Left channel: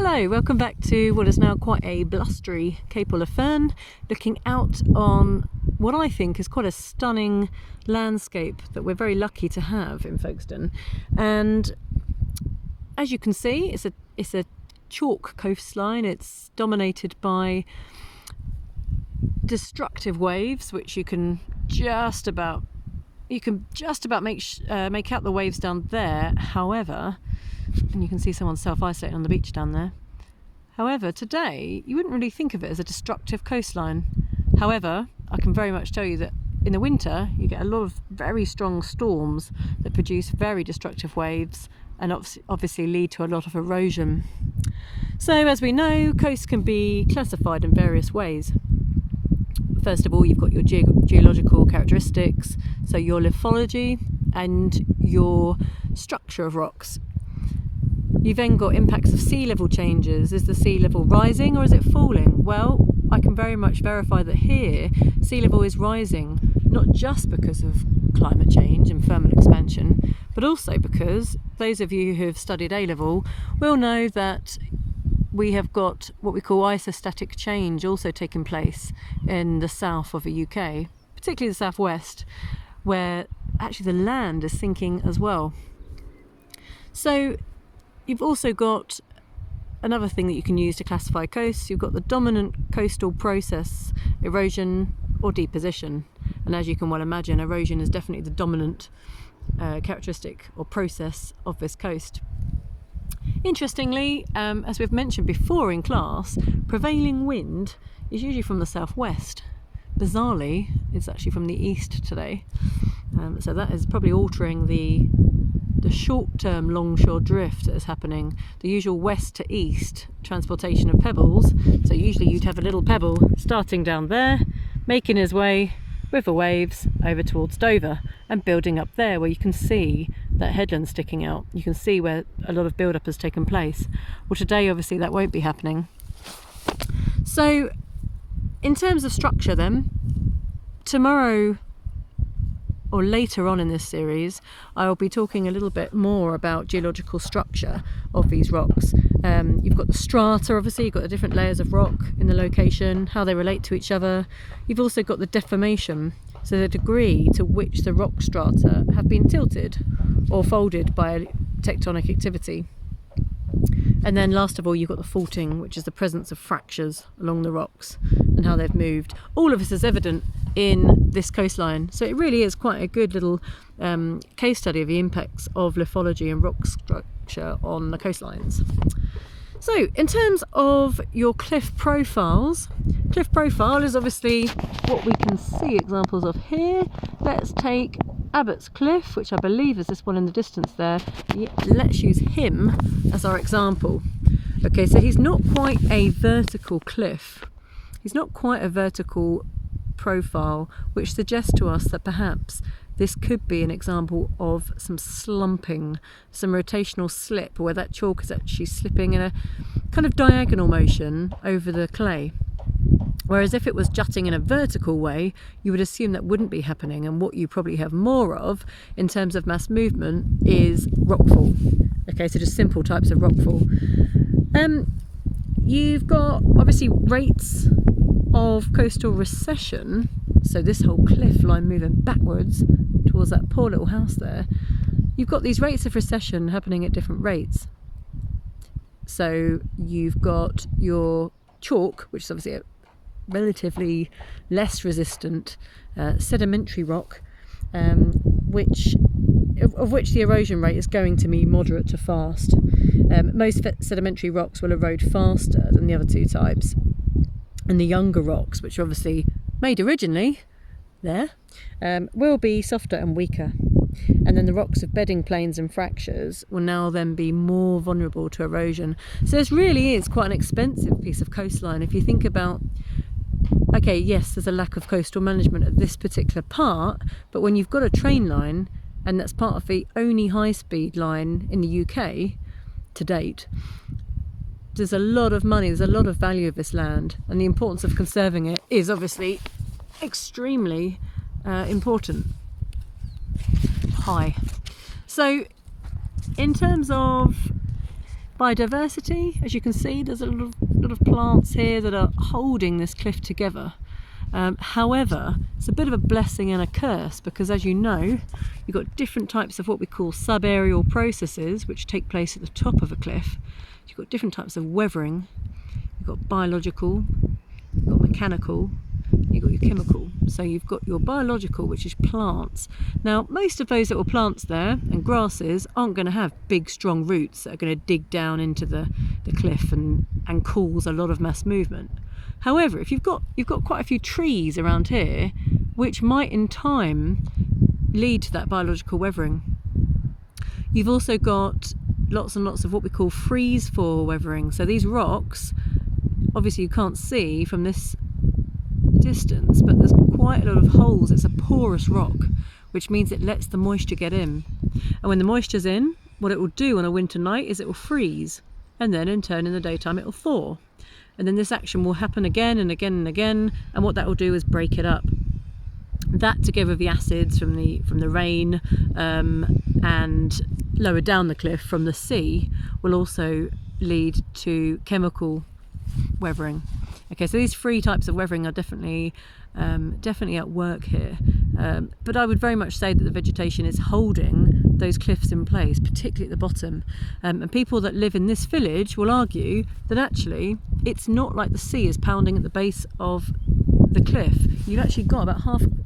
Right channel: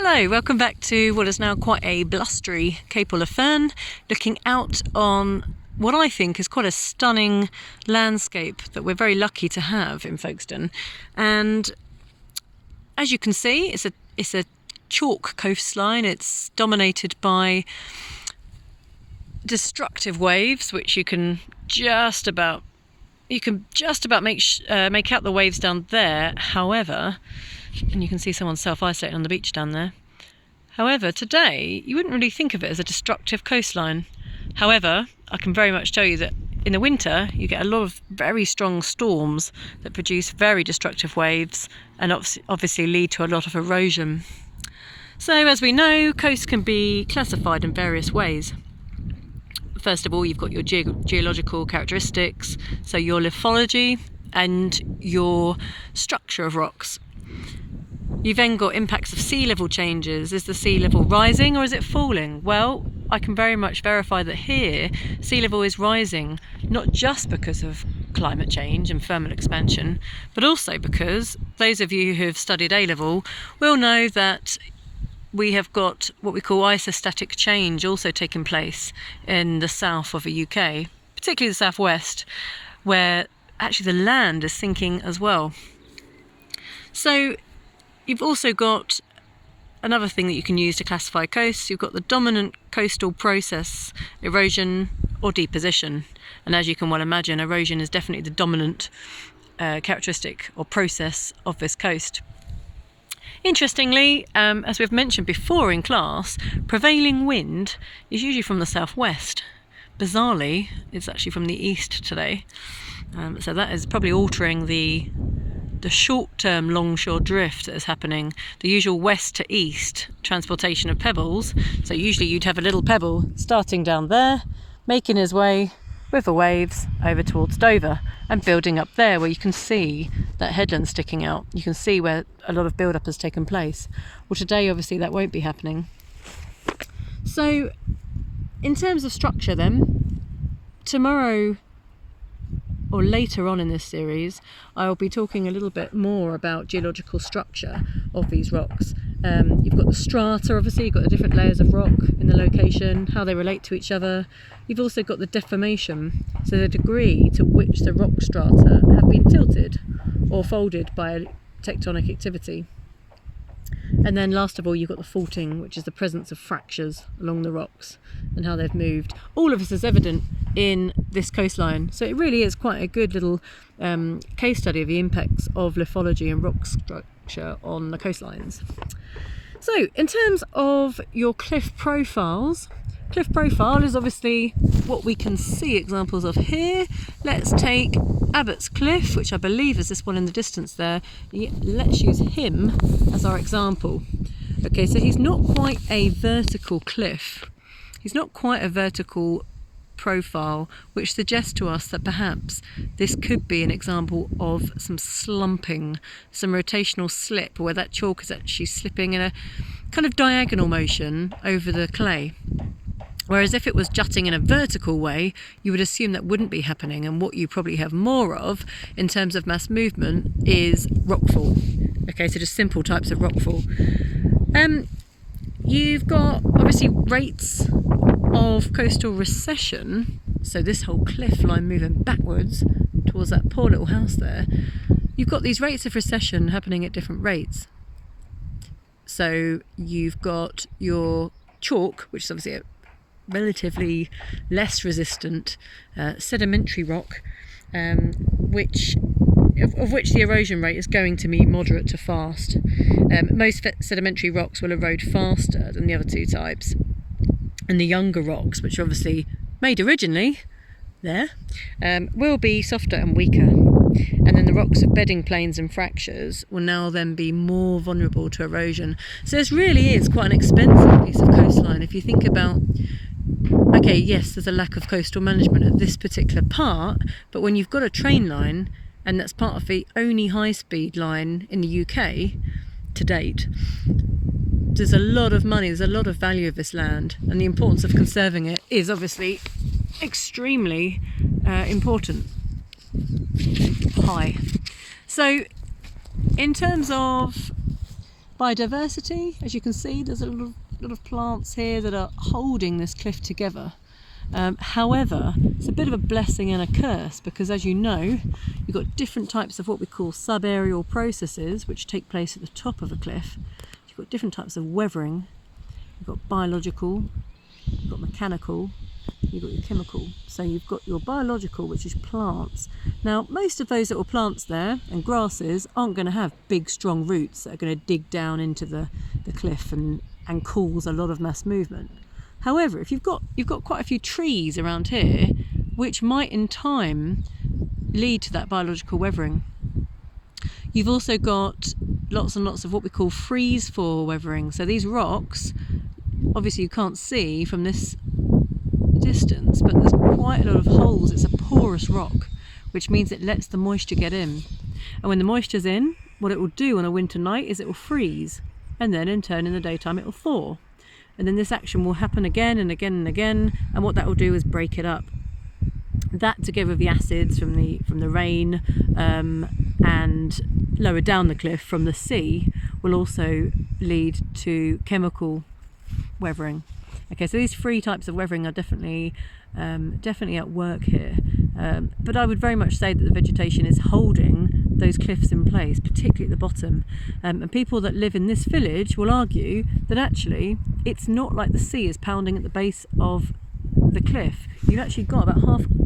Hello, welcome back to what is now quite a blustery Cape Fern, looking out on what I think is quite a stunning landscape that we're very lucky to have in Folkestone. And as you can see, it's a chalk coastline. It's dominated by destructive waves, which you can just about make out the waves down there. However, and you can see someone self-isolating on the beach down there. However, today you wouldn't really think of it as a destructive coastline. However, I can very much tell you that in the winter you get a lot of very strong storms that produce very destructive waves and obviously lead to a lot of erosion. So as we know, coasts can be classified in various ways. First of all, you've got your geological characteristics, so your lithology and your structure of rocks. You've then got impacts of sea level changes. Is the sea level rising or is it falling? Well, I can very much verify that here sea level is rising, not just because of climate change and thermal expansion, but also because those of you who have studied A-level will know that we have got what we call isostatic change also taking place in the south of the UK, particularly the southwest, where actually the land is sinking as well. So you've also got another thing that you can use to classify coasts. You've got the dominant coastal process, erosion or deposition. And as you can well imagine, erosion is definitely the dominant characteristic or process of this coast. Interestingly, as we've mentioned before in class, prevailing wind is usually from the southwest. Bizarrely, it's actually from the east today. So that is probably altering the short-term longshore drift that is happening, the usual west to east transportation of pebbles. So usually you'd have a little pebble starting down there, making his way with the waves over towards Dover and building up there where you can see that headland sticking out. You can see where a lot of build-up has taken place. Well, today obviously that won't be happening. So in terms of structure then, tomorrow or later on in this series, I'll be talking a little bit more about geological structure of these rocks. You've got the strata, obviously, you've got the different layers of rock in the location, how they relate to each other. You've also got the deformation, so the degree to which the rock strata have been tilted or folded by tectonic activity. And then last of all, you've got the faulting, which is the presence of fractures along the rocks and how they've moved. All of this is evident in this coastline. So it really is quite a good little case study of the impacts of lithology and rock structure on the coastlines. So in terms of your cliff profiles, cliff profile is obviously what we can see examples of here. Let's take Abbott's Cliff, which I believe is this one in the distance there. Let's use him as our example. Okay, so he's not quite a vertical cliff. He's not quite a vertical profile, which suggests to us that perhaps this could be an example of some slumping, some rotational slip, where that chalk is actually slipping in a kind of diagonal motion over the clay. Whereas if it was jutting in a vertical way, you would assume that wouldn't be happening, and what you probably have more of in terms of mass movement is rockfall. Okay, so just simple types of rockfall. You've got obviously rates of coastal recession, so this whole cliff line moving backwards towards that poor little house there. You've got these rates of recession happening at different rates. So you've got your chalk, which is obviously a relatively less resistant sedimentary rock, which the erosion rate is going to be moderate to fast. Most sedimentary rocks will erode faster than the other two types. And the younger rocks, which are obviously made originally there, will be softer and weaker. And then the rocks of bedding planes and fractures will now then be more vulnerable to erosion. So this really is quite an expensive piece of coastline. If you think about, okay, yes, there's a lack of coastal management at this particular part, but when you've got a train line, and that's part of the only high-speed line in the UK to date, there's a lot of money, there's a lot of value of this land, and the importance of conserving it is obviously extremely important. High. So in terms of Biodiversity, as you can see, there's a lot of plants here that are holding this cliff together. However, it's a bit of a blessing and a curse, because as you know, you've got different types of what we call subaerial processes which take place at the top of a cliff. You've got different types of weathering. You've got biological, you've got mechanical, you've got your chemical. So you've got your biological, which is plants. Now, most of those little plants there and grasses aren't going to have big strong roots that are going to dig down into the cliff and cause a lot of mass movement. However, if you've got quite a few trees around here, which might in time lead to that biological weathering. You've also got lots and lots of what we call freeze-fall weathering. So these rocks, obviously you can't see from this distance, but there's quite a lot of holes. It's a porous rock, which means it lets the moisture get in. And when the moisture's in, what it will do on a winter night is it will freeze, and then in turn in the daytime it will thaw. And then this action will happen again and again and again, and what that will do is break it up. That, together with the acids from the rain and lower down the cliff from the sea, will also lead to chemical weathering. Okay, so these three types of weathering are definitely at work here. But I would very much say that the vegetation is holding those cliffs in place, particularly at the bottom. And people that live in this village will argue that actually it's not like the sea is pounding at the base of the cliff. You've actually got about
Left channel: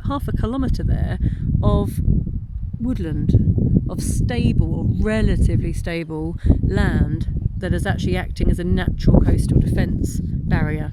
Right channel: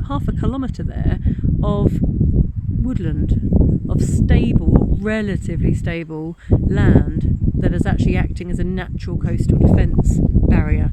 half a kilometre there of woodland, of stable or relatively stable land that is actually acting as a natural coastal defence barrier.